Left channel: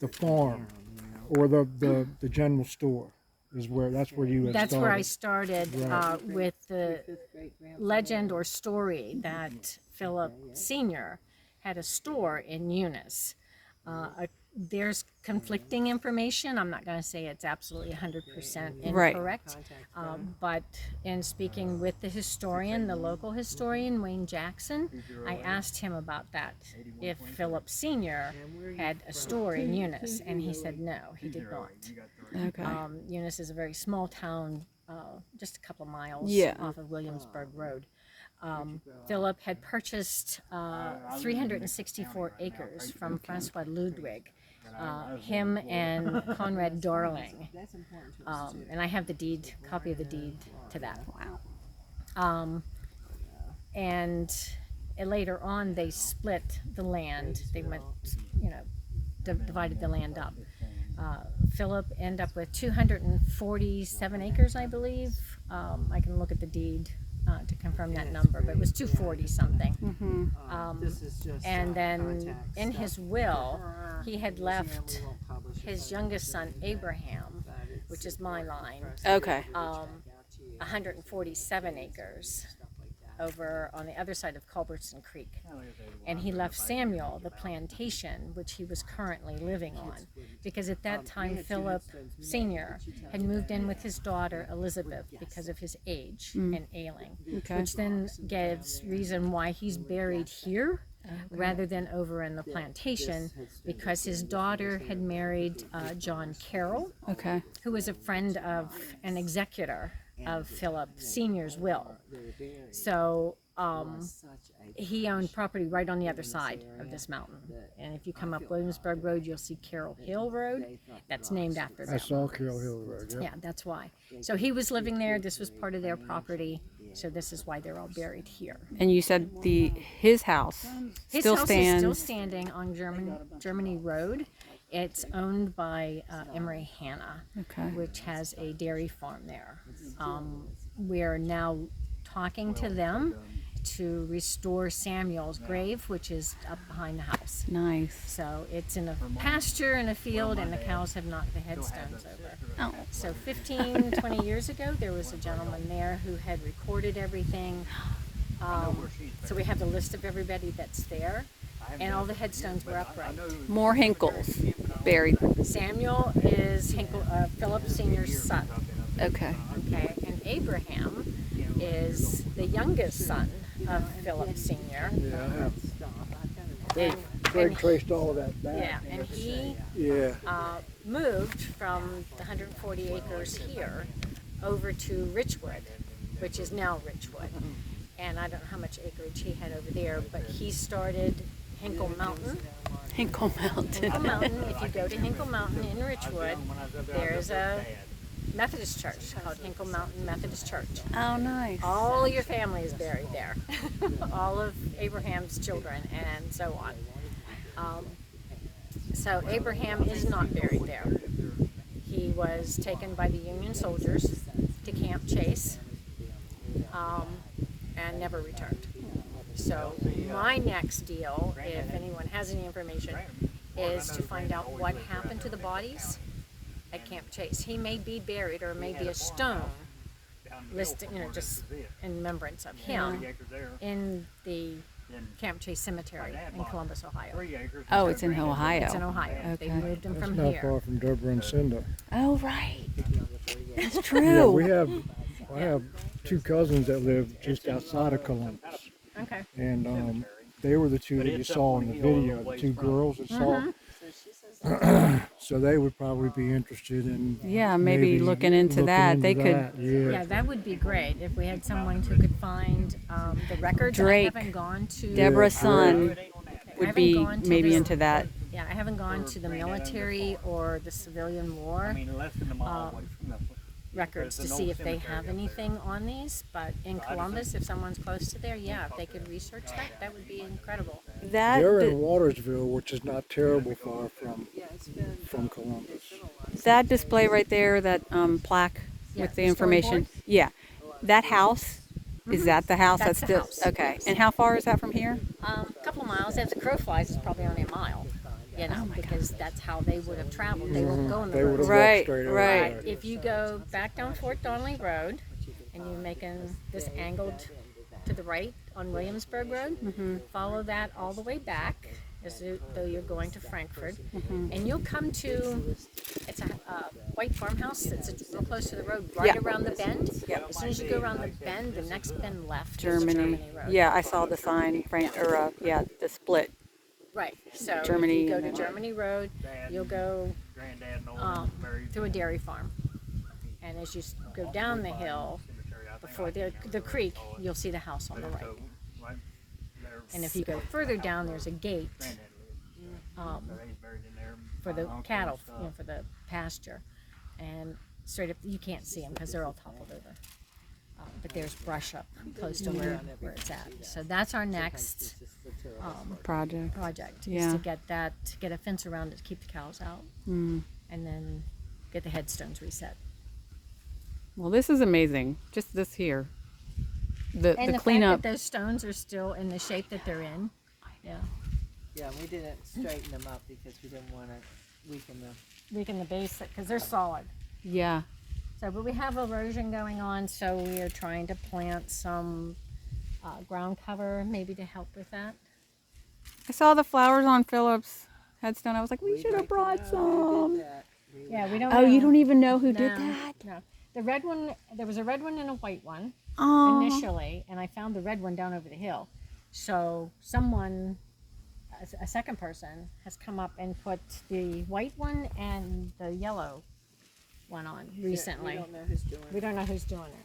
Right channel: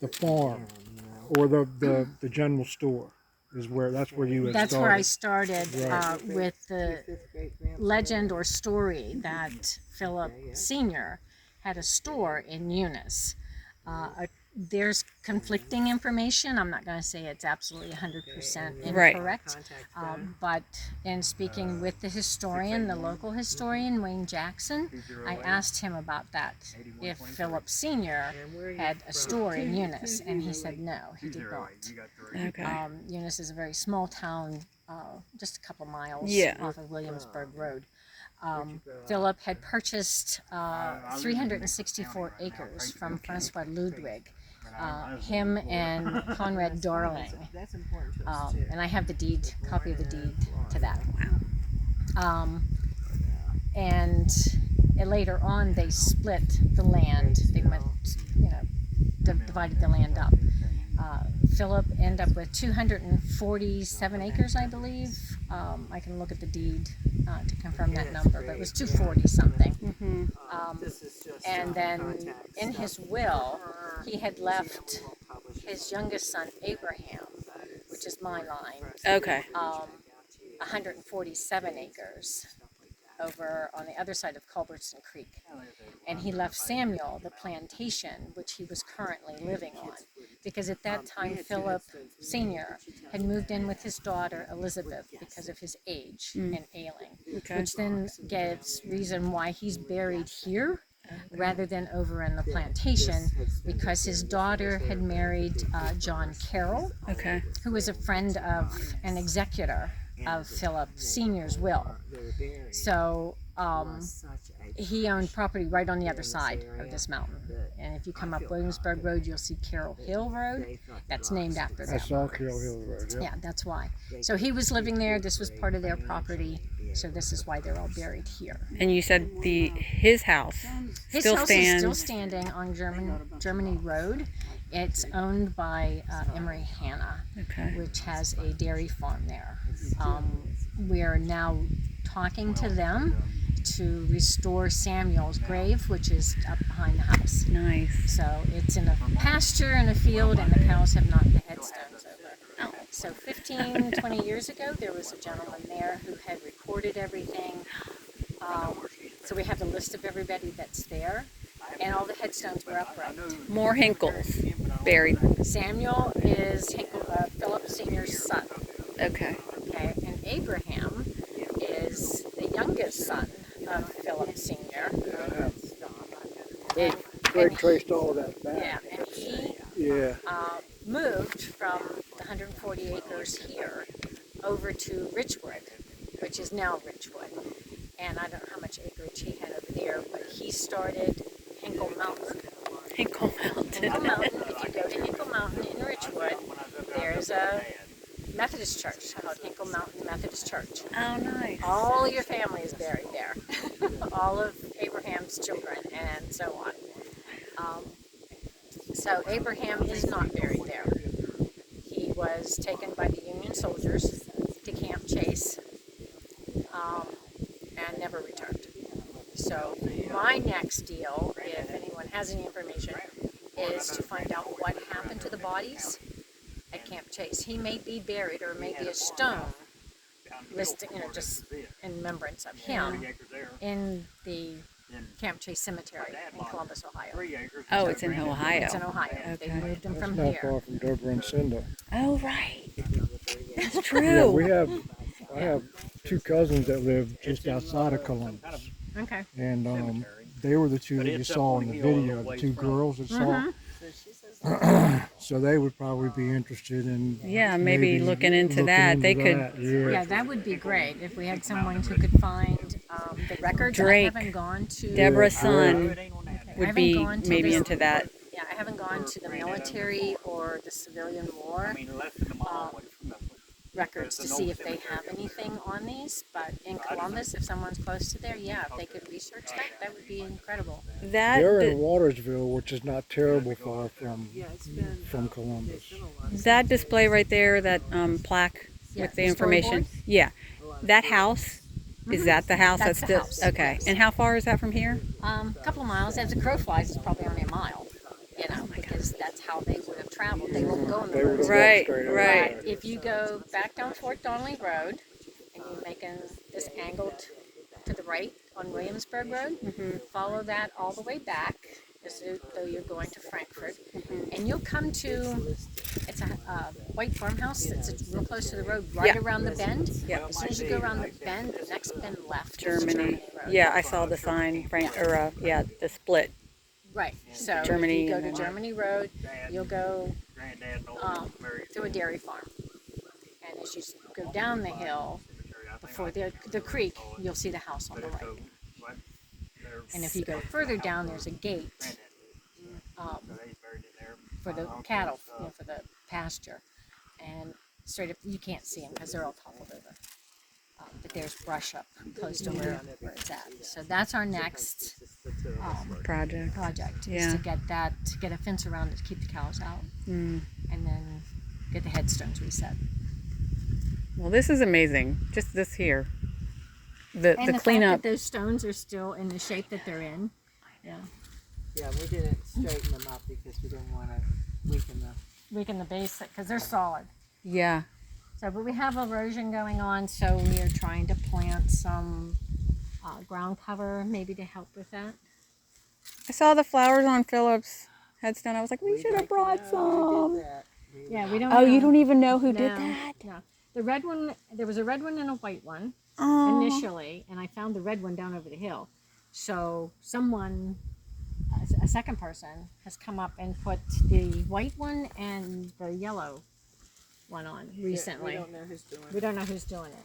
the farm or the general store is where that's where you had That's started. where I started Right. with the legend or story that Philip Sr. had a store in Eunice. There's conflicting information. I'm not going to say it's absolutely 100% incorrect, but in speaking with the historian, the local historian, Wayne Jackson, I asked him about that, if Philip Sr. had a store in Eunice, and he said no, he did not. Okay. Eunice is a very small town, just a couple miles off of Williamsburg Road. Philip had purchased 364 acres from Francois Ludwig, him and Conrad Darling, and I have the deed, copy of the deed to that. Wow. And later on, they split the land. They went, divided the land up. Philip ended up with 247 acres, I believe. I can look at the deed to confirm that number, but it was 240 something. And then in his will, he had left his youngest son, Abraham, which is my line, Okay. 147 acres over on the other side of Culbertson Creek. And he left Samuel the plantation, which he was currently living on. Because at that time, Philip Sr. had moved in with his daughter, Elizabeth, because of his age and ailing. Okay. Which then gives reason why he's buried here rather than over in the plantation, because his daughter had married John Carroll, who was a friend of an executor of Philip Sr.'s will. So he owned property right on the other side of this mountain. And if you come up Williamsburg Road, you'll see Carroll Hill Road. That's named after that. I saw Carroll Hill Road. Yep. Yeah, that's why. So he was living there. This was part of their property. So this is why they're all buried here. And you said his house His still house stands. is still standing on Germany Road. It's owned by Emery Hanna, which has a dairy farm there. We are now talking to them to restore Samuel's grave, which is up behind the house. Nice. So it's in a pasture in a field, and the cows have knocked the headstones over. Oh. So 15, 20 years ago, there was a gentleman there who had recorded everything. So we have the list of everybody that's there, and all the headstones were upright. More Hinkles buried. Samuel is Philip Sr.'s son. Okay. Okay, and Abraham is the youngest son of Philip Sr. Craig traced all of that back. Yeah, and he moved from the 140 acres here over to Richwood, which is now Richwood. And I don't know how much acreage he had over there, but he started Hinkle Mountain. Hinkle Mountain. Hinkle Mountain, if you go to Hinkle Mountain in Richwood, there's a Methodist church called Hinkle Mountain Methodist Church. Oh, nice. All your family is buried there. All of Abraham's children and so on. So Abraham is not buried there. He was taken by the Union soldiers to Camp Chase and never returned. So my next deal, if anyone has any information, is to find out what happened to the bodies at Camp Chase. He may be buried, or maybe a stone listing, just in remembrance of him, in the Camp Chase Cemetery in Columbus, Ohio. Oh, it's in Ohio. It's in Ohio. Okay. They moved him from Not here. far from Dover and Cinda. Oh, right. That's Yeah, true. I have two cousins that live just outside of Columbus, Okay. and they were the two that you saw in the video, the two girls that saw. So they would probably be interested in maybe looking into that. They could. that. Yeah. Yeah, that would be great if we had someone who could find the records. Drake. I haven't gone to Deborah's son I would haven't be gone to maybe this- into that. Yeah, I haven't gone to the military or the civilian war records to see if they have anything on these. But in Columbus, if someone's close to there, if they could research that, that would be incredible. They're in Watersville, which is not terrible far from Columbus. That display right there, that plaque with the the information. storyboard? Yeah, that house. Is that the house? That's the still house, okay. yes. And how far is that from here? A couple of miles. As the crow flies, it's probably only a mile. you know, because that's how they would have traveled. They won't go on the They would road. have Right, walked straight over right. there. But if you go back down Fort Donnelly Road and you're making this angled to the right on Williamsburg Road, follow that all the way back as though you're going to Frankfurt, and you'll come to, it's a white farmhouse that's real close to the road, right Yeah. around the bend. Yeah. As soon as you go around the bend, the next bend left is Germany. Germany Road. Yeah, I saw the sign, the split. Right. So Germany if you go and to then- Germany Road, you'll go through a dairy farm. And as you go down the hill, before the creek, you'll see the house on the right. And if you go further down, there's a gate for the cattle, you know, for the pasture. And straight up, you can't see them because they're all toppled over. But there's brush up close to where it's at. So that's our next project, is Yeah. to get a fence around it to keep the cows out, and then get the headstones reset. Well, this is amazing. Just this here. The And the cleanup. fact that those stones are still in the shape that they're in. Yeah. Yeah, we didn't straighten them up because we didn't want to Weaken the base because they're solid. Yeah. So, but we have erosion going on, so we are trying to plant some ground cover maybe to help with that. I saw the flowers on Philip's headstone. I was like, we We'd should have like to brought know who some. did that. We Yeah, would- we don't. Oh, know. you don't even know who did No, that? No, the red one. There was a red one and a white one Oh. initially, and I found the red one down over the hill. So someone, a second person, has come up and put the white one and the yellow one on recently. We don't know who's doing We it. don't know who's doing it.